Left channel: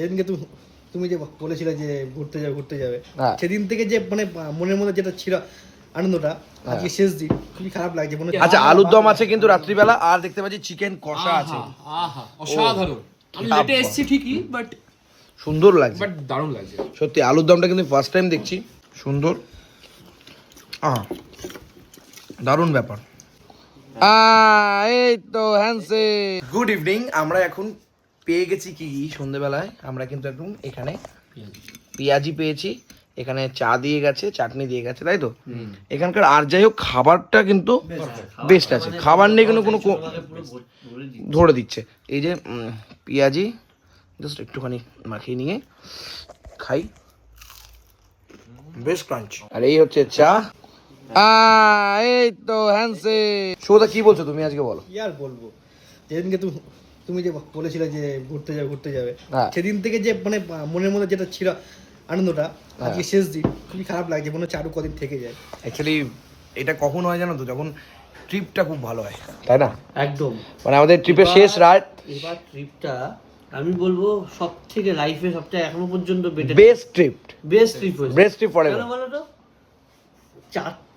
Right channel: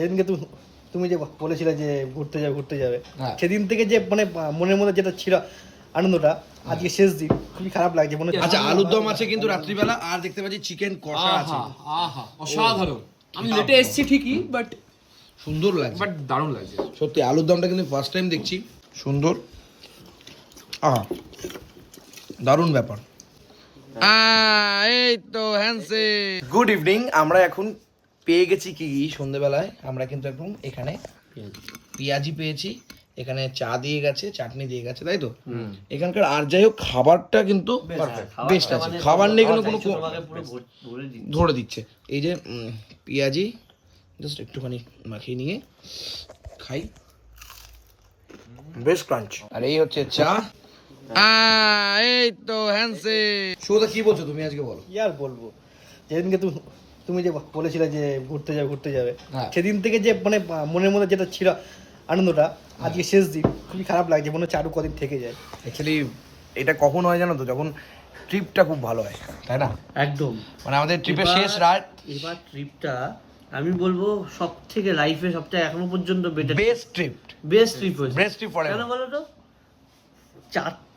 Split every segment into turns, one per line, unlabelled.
যেদিনকে তুমি তুমি যে বলেছিলে যে ঘুরতে যাবে ঘুরতে যাবে
হ্যাঁ।
সেদিন থেকে যে মানে মনের মধ্যে যেটা ছিল আনন্দটা আজকে শেষ দিন। খুবই খারাপ লাগছে মনে হচ্ছে
আচ্ছা আলুর দম আছে কিন্তু রাত্রিবেলা আর দেখতে পাচ্ছি চিকেন কষা আছে।
আহা অসাধারণ। আমি লেটে এসেছি ঠিকই বাট
সুন্দর লাগছে।
বাট দারুণ লাগছে।
সত্যি আলুর দমটা কিন্তু ফার্স্ট টাইম দেখছি। সুন্দর। আহা দারুণ ব্যাপার। এই তো হ্যান্সে গুড ইভিনিং আমরা এখন পেয়ে গেছি কি কি সন্ধেবেলায়? আমরা কিন্তু একদম এখানে পেঁয়াজি পেয়েছি। এখানে চা দিয়ে গেছে চাটনি দিয়ে গেছে তাই তো? এখানকার আর যাই হোক খাবারটা কিন্তু বেস্ট আছে। খাবার নিয়ে কোনো কোনো ধরে দিচ্ছে। এই যে পেঁয়াজি জাস্ট একটুখানি মাখিয়ে নিয়ে খাই। বেশ ক্রাঞ্চ। আর এই হচ্ছে চা। এই তো হ্যান্সে সৌদা কি বলছো তুমি আজকে বলো?
কি আর বলব? যেদিনকে তুমি তুমি যে বলেছিলে যে ঘুরতে যাবে ঘুরতে যাবে।
হ্যাঁ।
সেদিন থেকে যে মানে মনের মধ্যে যেটা ছিল আনন্দটা আজকে শেষ দিন খুবই খারাপ লাগছে মনে হচ্ছে আরও কদিন থেকে যায়।
অ্যাকচুয়ালি এটা কখন হয় জানো তো? যখন ট্রিপটা খুব ভালো হয়। তাই না?
একদম।
মানে আমাদের ট্রিপের শেষ রাত
এবার ট্রিপটা আমি বলব সব থেকে লাইফে সবথেকে এখনও পর্যন্ত better
best trip
best trip হয়েছে।
বেস্ট ট্রিপ ফর
কেন বলো তো?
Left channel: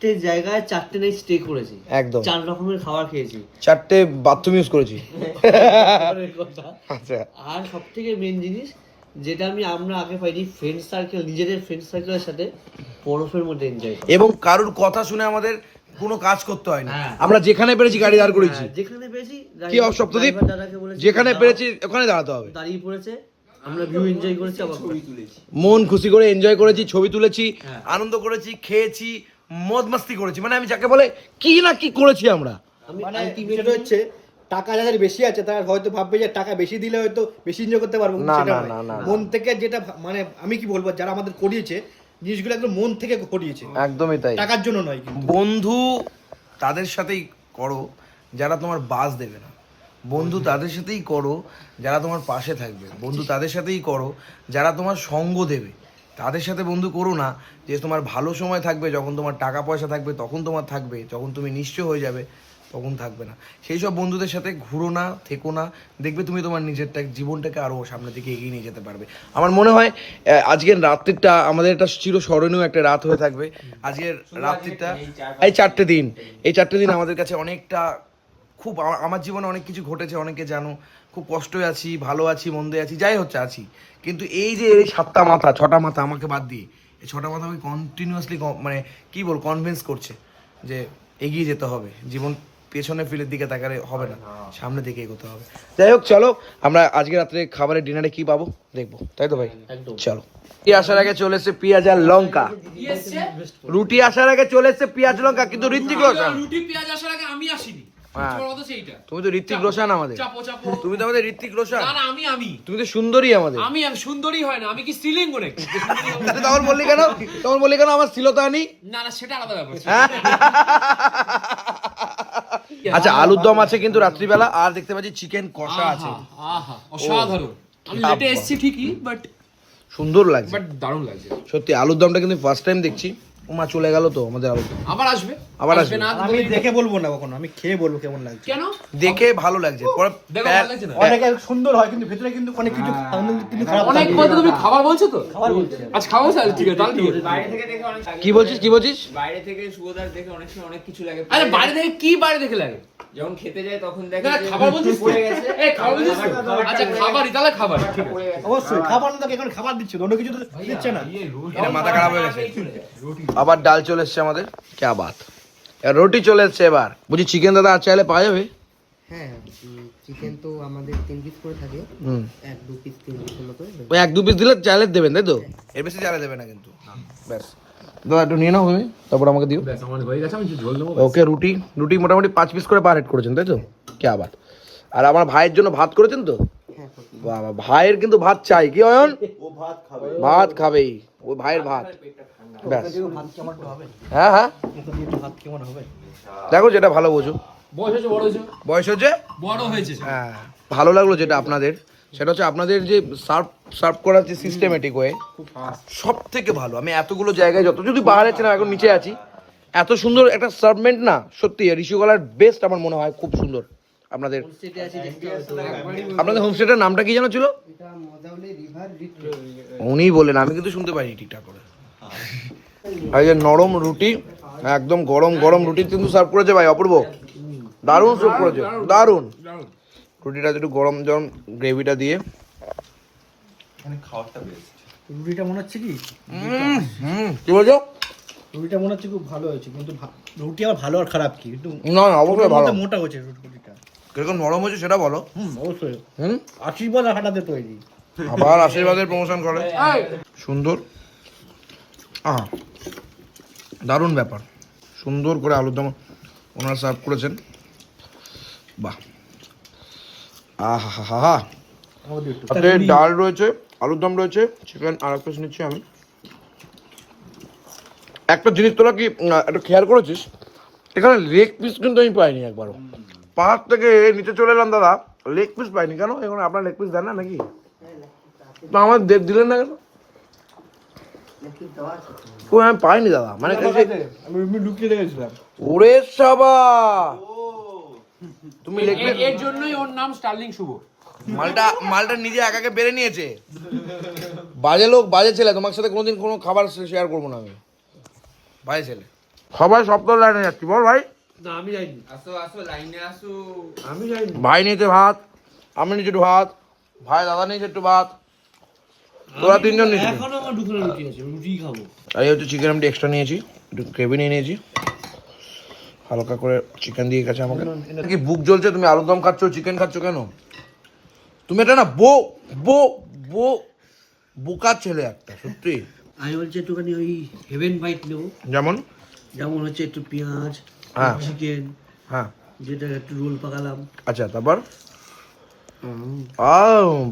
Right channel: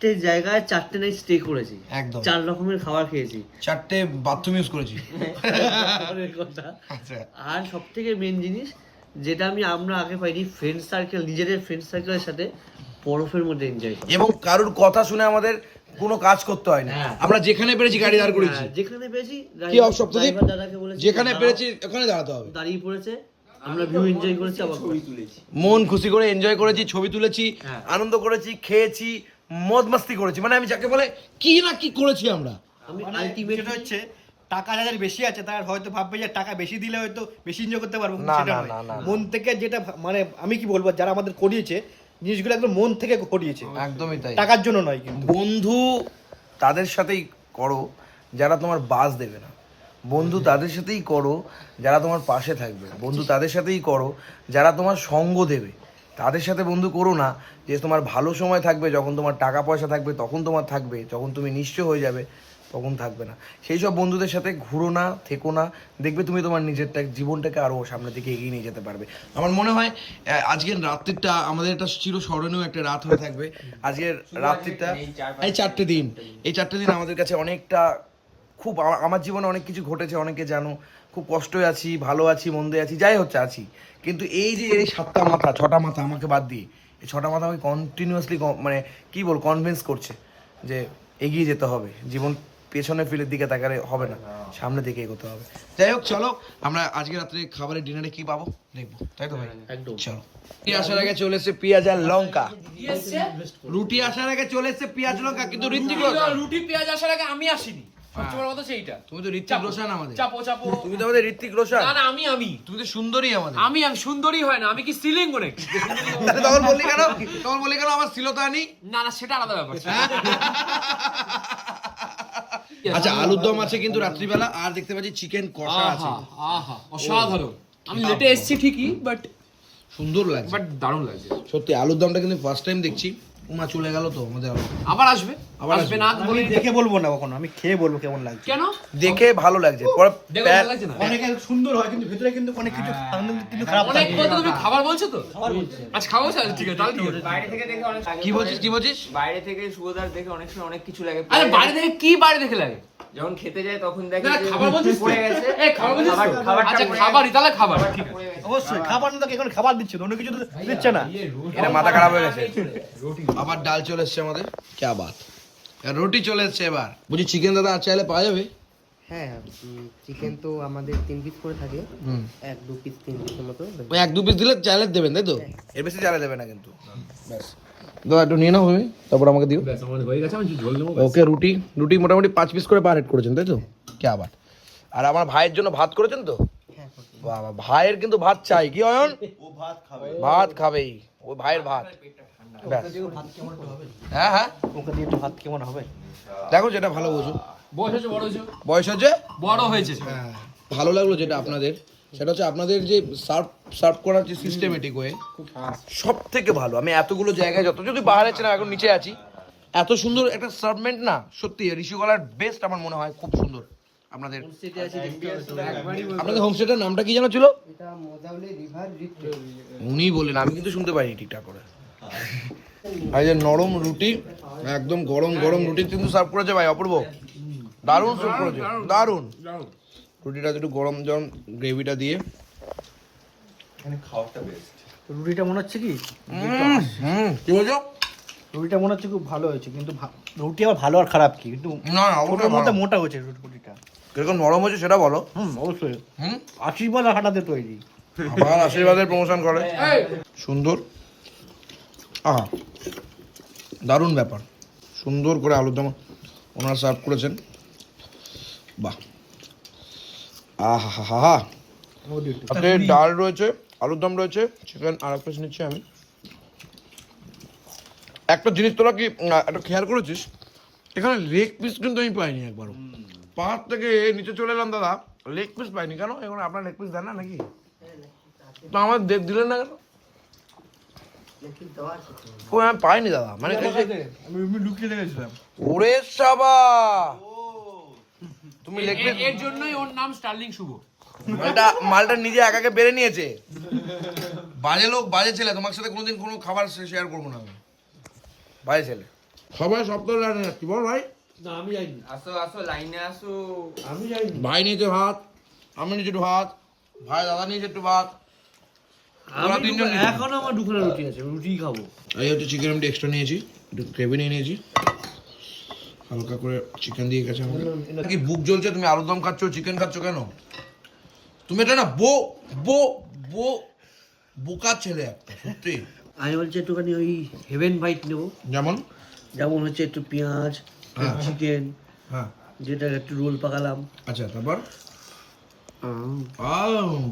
চারটে জায়গায় চারটে নাইট স্টে করেছি।
একদম।
চার রকমের খাবার খেয়েছি।
চারটে বাথরুম ইউজ করেছি। আচ্ছা।
আর সব থেকে মেন জিনিস যেটা আমি আমরা আগে পাইনি ফ্রেন্ড সার্কেল নিজেদের ফ্রেন্ড সার্কেলের সাথে বরফের মধ্যে এনজয়
এবং কারোর কথা শুনে আমাদের কোনো কাজ করতে হয় না।
হ্যাঁ।
আমরা যেখানে পেরেছি গাড়ি দাঁড় করেছি
যেখানে পেয়েছি
কি যেখানে পেরেছি ওখানে দাঁড়াতে হবে।
দাঁড়িয়ে পড়েছে। আমরা ভিউ এনজয় করেছি আবার ছবি তুলেছি।
মন খুশি করে এনজয় করেছি ছবি তুলেছি
হ্যাঁ।
আনন্দ করেছি খেয়েছি মদ মাস্তি করেছি। মানে আমি যাকে বলে কি না কি করেছি আমরা?
আমি
মানে
আলটিমেটলি
হচ্ছে টাকা যাদের বেশি আছে তারা হয়তো ভাববে যে টাকা বেশি দিলে হয়তো বেশি এনজয় করতে পারব কিন্তু
না,
সেটা নয়। মন থেকে যেটা মানে আমি কি বলব যারা আমাদের করিয়েছে জিনিসগুলো একদম মন থেকে করিয়েছে
একদমই তাই।
টাকার জন্য নয় কিন্তু।
বন্ধু তাদের সাথেই করো যারা তোমার বাস দেবে না। বন্ধু তাদের সাথেই করো যারা তোমার পাশে থাকবে। বন্ধু তাদের সাথেই করো যারা তোমার সঙ্গ দেবে। তাদের সাথে বন্ধু করো না যে তোমার ভালো সময় থাকবে, যখন তোমার টাকা পয়সা থাকবে, তখন তোমার থাকবে, যখন তুমি নিশ্চয় হয়ে যাবে, তখন থাকবে না। সেই সব বন্ধুদের সাথে ঘুরো না, থেকো না, দেখবে তুমি তোমার নিজেরটা, জীবনটাকে আরও সামনের দিকে এগিয়ে নিয়ে যেতে পারবে। আমার মনে হয় আজকের রাত্রিটা আমাদের একটা চিরস্মরণীয় একটা রাত হয়ে থাকবে। আজকের রাত্রিটা, এই চারটে দিন, এই চারটে দিন আমাদের কাছে অনেকটা, খুব, আমার জীবনে অনেক কিছু ঘটেছে, অনেকে জানো খুব কষ্টে আছি ভালো আছি মন্দে আছি যাই হচ্ছে আছি। কিন্তু এই যে এই সাতটা মাথা ছটা মাথা আমাকে বাদ দিয়ে এই ছটা মাথা আমাকে কন্টিনিউয়াসলি মানে কী বল কনভিন্স করছে যে এগিয়ে যেতে হবে। জীবন পেছনে ফিলের দিকে তাকালে হবে না সামনের দিকে এগোতে হবে। যাই হোক চলো আমরা আজকে রাত্রে খাবারের ডিনারে কি পাবো? দেখব তাই তো ভাই? চলো। রুটি আসার আগে চলে এসছে পেঁয়াজ আর লঙ্কা। রুটি আসার আগে চলে এসছে পেঁয়াজ লঙ্কা কিন্তু ঋত্বিক
রুটি পেঁয়াজ আসার আগে আমি আসিনি।
তুমি তো ঋত্বিক রোশন আমাদের। তুমি তো আমাদের ঋত্বিক রোশন।
না আমি আমি।
তুমি তো সুন্দরী আমাদের।
আমি আর সুন্দরী হয় না আমি কি স্ত্রীলিঙ্গ নাকি?
তখন বললি কেন? তখন বললি কেন আমার স্থিরতা আনি
না না সেটা আলাদা ব্যাপার
আচ্ছা আলুর দম আছে কিন্তু রাত্রিবেলা আর দেখতে পাচ্ছি চিকেন কষা আছে।
আহা অসাধারণ। আমি লেটে এসেছি ঠিকই বাট
সুন্দর লাগছে।
বাট দারুণ লাগছে।
সত্যি আলুর দমটা কিন্তু ফার্স্ট টাইম দেখছি। মা চলে গেল তো আমাদের
আবার আসবে?
আবার
আসবে। না বলি
দেখে বলব না কখনো আমি খেয়ে বলব কেমন লাগছে।
কেন?
দেখে ভালো লাগছে। পরে
অনেকে সুন্দর হয় কিন্তু ভেতরে কিন্তু অনেক কিছু অনেক খারাপ
অনেক। বলতে তুমি খাবার বলছো তো? আজ খাওয়া বলছো? আচ্ছা, ঠিক আছে তাহলে ঠিক আছে।
বাইরে থেকে দেখে অনেক
কি বলছিস কি বলছিস?
বাইরে থেকে সুগোদার দেখে অনেক সময় অনেক কিছু লাগে।
আরে বাইরে থেকে কি বাইরে দেখে লাগে?
যখন খেতে যায় তখন দেখে
না খাবার বলছিস
পড়ে গেছে।
এই খাবার বলছিস?
খাবার-
আচ্ছা খাবারই তাহলে খাবার ঠিক আছে।
অবশ্যই খাবার না এখন খাবার দিচ্ছে? অন্য কিছু তো দিচ্ছে না।
এটা মাথা খারাপ হয়ে গেছে। আবার ডাল চলে এসছে আমাদের। কে বাত? রুটি চলে এসছে এবার। বুঝি চিকেন দাদা আর চাইলে পাওয়া যাবে?
হ্যাঁ চিকেন তো আমাদের তিন পিস করে থাকে। এক দু পিস তিন পিসের মতো।
ওই এক দু পিস দিলে চাইলে দেবেন তাই তো? এর বেশি চাইলে দেবে না কিন্তু। ব্যাস। দাদা একটু নিয়ে নাও তুমি তারপর আমাকে দিও।
হয়ে
ওকে রুটি রুটি মোটামুটি পাঁচ পিস করে পার হেড করেছেন তাই তো? কে আবার আর আমার ভাইয়ের জন্য ভাত করেছেন তো?
হ্যাঁ
বাবা ভাইয়ের কিন্তু ভাত চাই কি অয়ন? ভাত খাবেই ও ভাইয়ের ভাত। হ্যাঁ হ্যাঁ।
মুখে দিয়ে ভাত কেমন হবে?
দেখো যেটা ভালো বোঝো।
বয়স হয়েছে বড় হয়েছে।
বয়স হচ্ছে
বড় হয়েছে।
হ্যাঁ ভালো লাগল যেটা আপনাদের। সেটা হচ্ছে আপনাদের যে সার্ভ সার্ভ করার যে সিস্টেমেটিক ওয়ে সব থেকে ভালো। আমি এতগুলো জায়গায় যত যদি বাইরে আছি না এখন নিচে আছি এত সুন্দর একটা সার্ভমেন্ট না সত্যি ঋষিকলার বেস্ট আমার মনে হয় খুব সুন্দর আপনাদের।
একবারই
আপনাদের হোমস্টেটার নামটা কি জানা ছিল? উনি বললেন আমি কিন্তু শুনতে পাইনি ঠিকঠাক করে। এই যে নরম রুটি একদম গরম গরম রুটি কিন্তু সার্ভ করেছে ভাই অপূর্ব। দারুণ সার্ভ করেছে দারুণ। রুটিটা একটু গরম গরম গ্রেভিটা দিয়ে।
রুটিটা মনে হচ্ছে কি?
হুম হুম কি বলছো?
রুটিটা মনে হচ্ছে খুব ভালো হয়েছে কিন্তু ভা- রুটি আবার ভালো আর খারাপ কি? কিন্তু
না না অবশ্যই
ওটার মধ্যে
ভালো।
মোটা হয়েছে রুটিটা।
কীরকম নরম হয়েছে সেটা বলো।
হুম অবশ্যই।
হুম?
আশীর্বাদ আর হাঁটাতে তৈরি।
আবার আশীর্বাদের প্রমোশন করে। সুন্দর। আহা দারুণ ব্যাপার। সুন্দর করে আলুর দম ওনারা সার্ভ করেছেন। বাহ। আহা হা হা হা ডাল রয়েছে আলুর দম রয়েছে চিকেন আর এক পিস নিচ্ছি আমি। একটা জিনিস তোরা কি একটা খেয়াল করেছিস? এখানে লেগ পিস কিন্তু আমি পাইনি একবারও। পাহাড় থেকে নিচে চলে এলাম দাদা লেগ পিস পাইনি। কেন? এখানে আপনার লেগ পিস দেন না নাকি? তো আমার দে- দিলেন না কেন? ও আমি পাইনি দাদা। মানে ওরে সাবা তুমি
এর জন্যই ওর নাম স্টার্লিং শুভ।
মালটা মালটা নিজে একাকে বেড়ে নিয়েছে। বাজে লোক বাজে ছেলে তোমার সাথে কোনোদিন কোনো খাবার শেয়ার করব না আমি। বাজে ছেলে। সবাই সপ্তাহ লাইনে যাচ্ছি বল ভাই।
না আমি যাইনি।
আসো আসো লাইনে আসো।
আমি যাইনি।
ভাই নিয়েছে ভাত আমি নিয়েছি একটু ভাত ভাই দাদা নিয়েছে একটু ভাত।
আমি
তিনজন নিয়েছে।
এখনও আমার দুখানা রুটি আছে রুটি খাব।
আর এই হচ্ছে চিকেন আমি এক্সট্রা নিয়েছি একটু গ্রেভি নিয়ে নিয়েছি। হালকা করে চিকেন দিয়ে গেছে আমাকে। কি বুক জ্বলছে? তুমি আলুর দম খাচ্ছ চিকেন খাচ্ছ কেন? তুমি এটা না বো বো বো বোকার ছেলে একটা সত্যি।
আমি বলছি একটুখানি ওই হেভেন বাইট নেব।
যেমন?
যেমন হচ্ছে একটু পেঁয়াজ
হ্যাঁ।
চিকেন
হ্যাঁ।
যেটা একটু রোল পাকালাম।
আচ্ছা তারপর?
আহ,
আও